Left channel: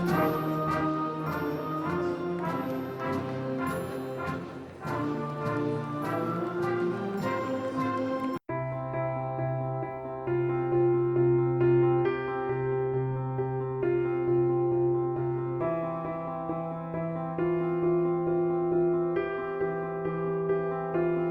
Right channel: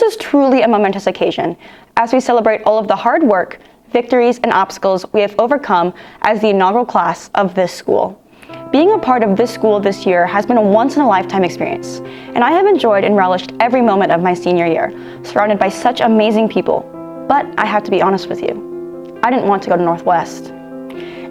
This is truly a momentous occasion as we celebrate all of the hard work, victories, and obstacles we have overcome as the inaugural class of this school. Being a part of this school this year has been a once-in-a-lifetime experience, and I have enjoyed and relished every moment of my senior year, surrounded by such amazing people. But I have to be honest with you, I didn't want to go to Northwest.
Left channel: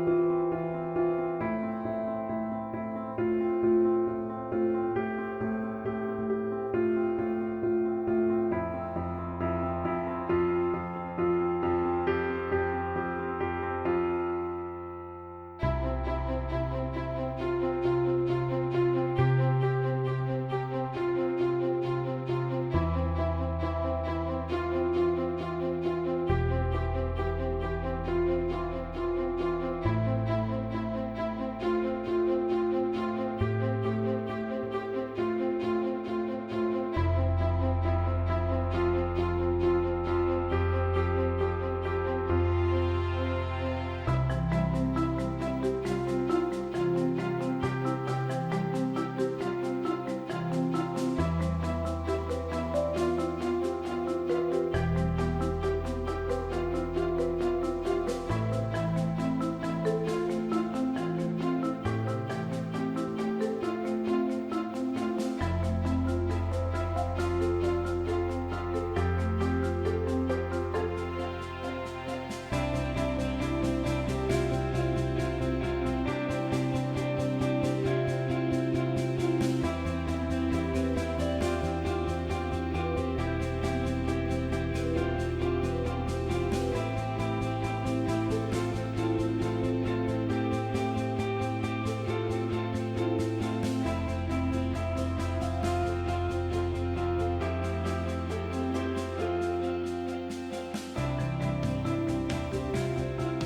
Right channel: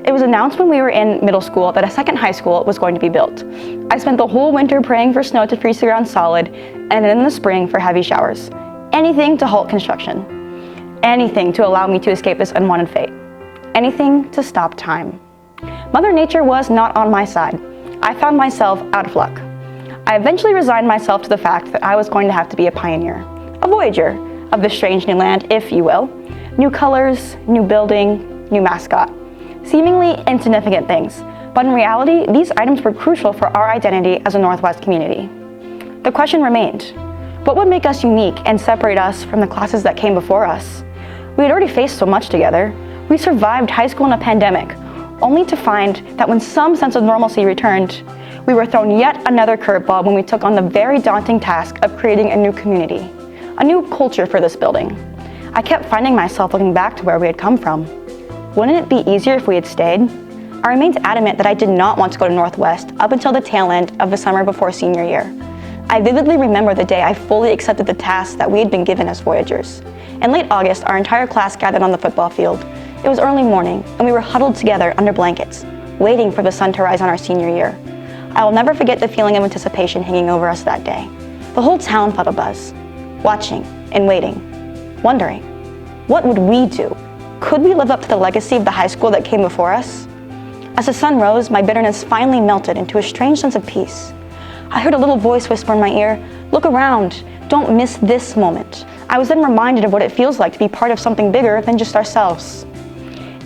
It was announced when we were in middle school that a second high school was going to be built. I spent the whole winter praying for snow to freeze the ground solid, and then in the spring for heavy showers. Anything to halt construction. Anything to allow me to escape this unwanted fate. Anything to stop time. Mother Nature was not on my side. I found myself out of luck. I eventually resigned myself to the fact that I was going to have to be a pioneer, a voyager of this strange new land, if you will. New colors, new building, new mascot. Seemingly insignificant things, but in reality, these items were crucial for our identity as a Northwest community. The question remained, what would make us unique and separate us from the classes that came before us? We had already faced so much together. We survived high school in a pandemic, only to find that when some sense of normalcy returned, we were thrown yet another curveball when we took on the very daunting task of creating a new community, a new culture for this building. I kept finding myself looking back to where we had come from. Wouldn't it be easier if we had stayed? I remained adamant that I did not want to go to Northwest up until the tail end of the summer before senior year. I vividly remember the day I fully accepted the task that we had been given as Voyagers. In late August, our entire class gathered on the football field. It was early morning, and we were huddled together under blankets, waiting for the sun to rise on our senior year. I will never forget the feeling of anticipation hanging over us that day. The whole town felt a buzz, watching and waiting, wondering, what would we do? Could we live up to the legacy of the high school that came before us? As the sun rose, my bitterness finally melted into a strange sense of peace. I heard a little voice whisper in my ear, "Look around, don't miss this moment." I was then reminded of what it feels like to be part of something bigger than just ourselves.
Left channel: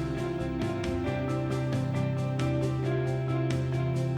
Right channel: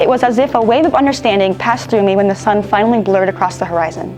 It was as if a wave of understanding passed through me when the sun finally blurred across the horizon.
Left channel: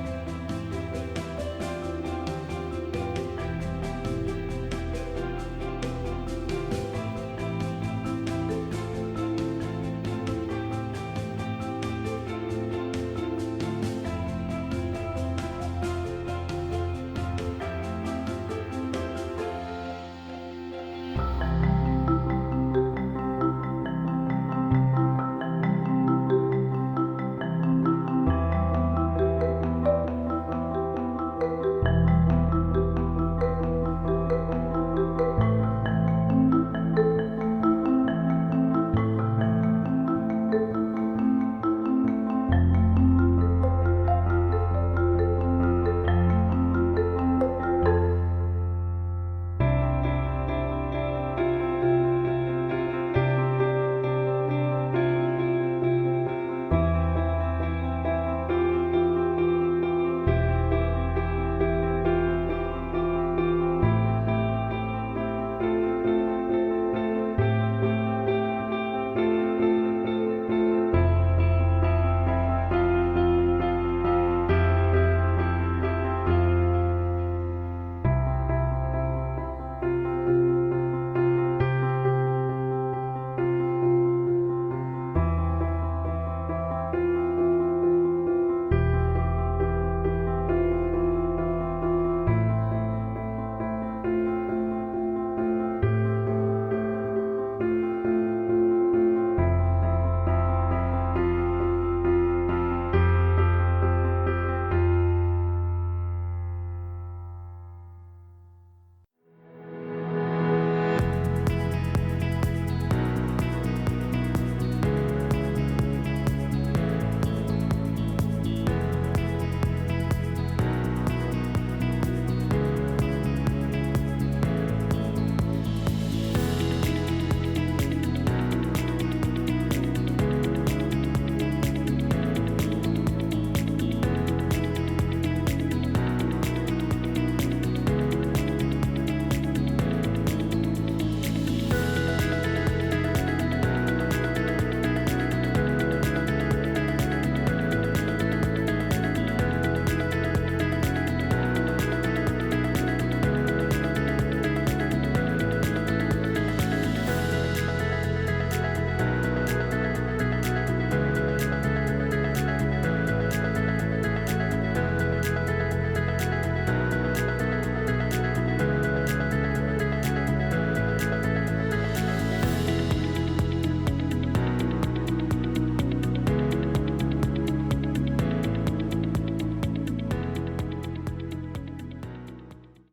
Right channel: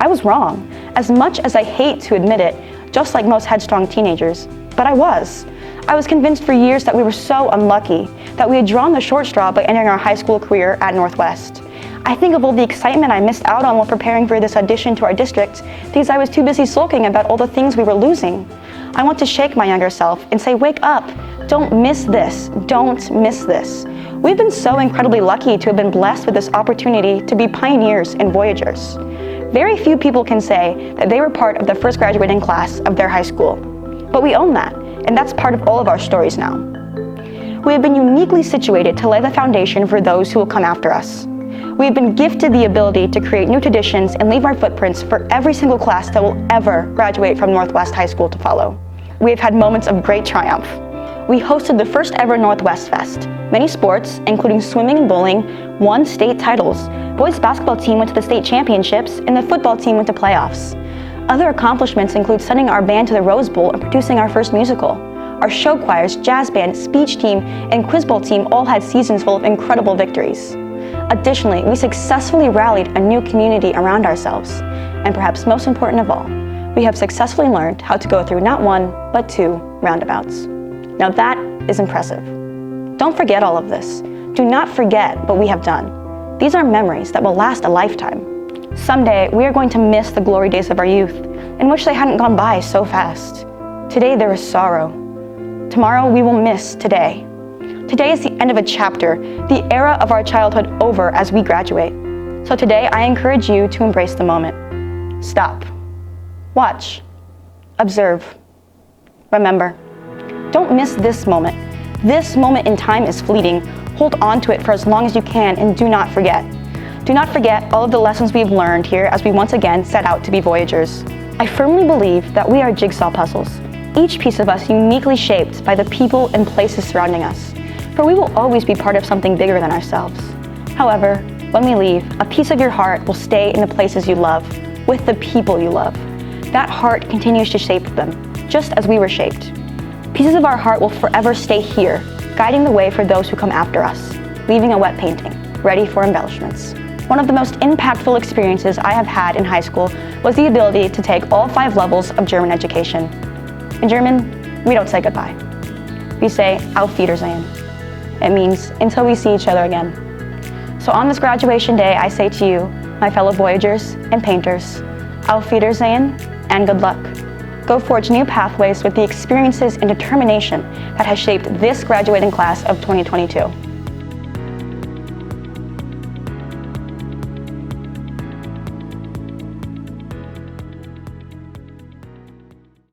I was wrong, as much as I hate to admit it, just like most headstrong teenagers, but I was. I was convinced for years that we were so unlucky, that we had drawn the short straw by entering our high school career at Northwest. I think of all the excitement I missed out on while preparing for this audition to our district because I was too busy sulking about all the things we were losing. I want to shake my younger self and say, wake up, don't miss this, don't miss this. We've been so incredibly lucky to have been blessed with this opportunity to be pioneers and voyagers. Very few people can say that they were part of the first graduating class of their high school, but we own that, and that's part of all of our stories now. We have been uniquely situated to lay the foundation for those who will come after us. We have been gifted the ability to create new traditions and leave our footprints for every single class that will ever graduate from Northwest High School to follow. We have had moments of great triumph. We hosted the first ever Northwest Fest. Many sports, including swimming and bowling, won state titles. Boys basketball team went to the state championships, and the football team went to playoffs. Other accomplishments include sending our band to the Rose Bowl and producing our first musical. Our show choirs, jazz band, speech team, and quiz bowl team all had seasons full of incredible victories. Additionally, we successfully rallied a new community around ourselves. And perhaps most important of all, we have successfully learned how to go through not one, but two roundabouts. Now that is impressive. Don't forget all of this. Do not forget what we have done. These are memories that will last a lifetime. Someday, we are going to miss the glory days of our youth and wish they hadn't gone by so fast. Today, there is sorrow. Tomorrow, we will miss today. Today is the end of a chapter, the era of our childhood over as we graduate. So today, I encourage you to embrace the moment. Stop. Watch. Observe. Remember. Don't miss this moment. This moment in time is fleeting. Hold on to it for as long as you can and do not forget. Do not forget all of the lessons we have learned here as we once again set out to be Voyagers. I firmly believe that we are jigsaw puzzles, each piece of us uniquely shaped by the people and places surrounding us. For we will always be part of something bigger than ourselves. However, when we leave, a piece of your heart will stay in the places you love, with the people you love. That heart continues to shape them, just as we were shaped. Pieces of our heart will forever stay here, guiding the way for those who come after us, leaving a wet painting, ready for embellishments. One of the most impactful experiences I have had in high school was the ability to take all 5 levels of German education. In German, we don't say goodbye. We say Auf Wiedersehen. It means until we see each other again. So on this graduation day, I say to you, my fellow Voyagers and painters, Auf Wiedersehen and good luck. go forge new pathways with the experiences and determination that has shaped this graduating class of 2022.